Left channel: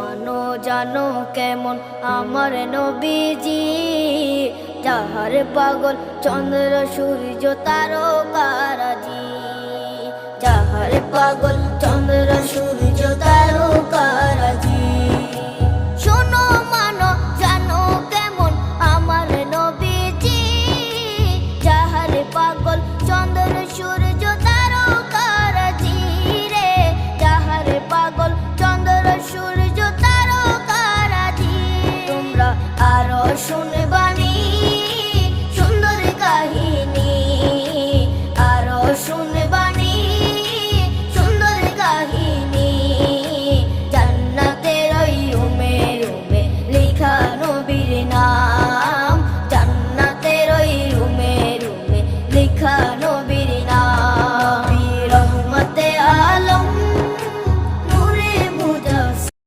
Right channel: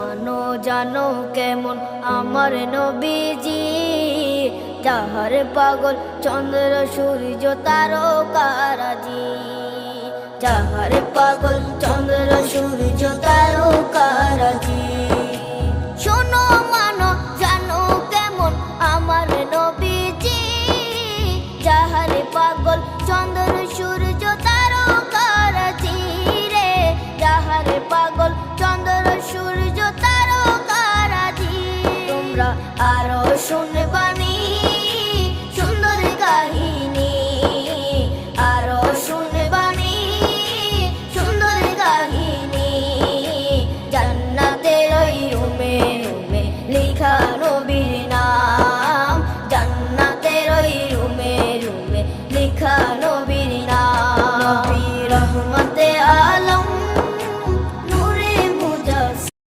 মানো জানো কেমন আমার নবীজি, যাহার পাগল চন্দ্র সূর্য তারকারাজি, যাহার পাগল চন্দ্র সূর্য তারকারাজি। শোনো মানো জানো কেমন আমার নবীজি, যাহার পাগল চন্দ্র সূর্য তারকারাজি রে, যাহার পাগল চন্দ্র সূর্য তারকারাজি। তোমরা আরো শুনে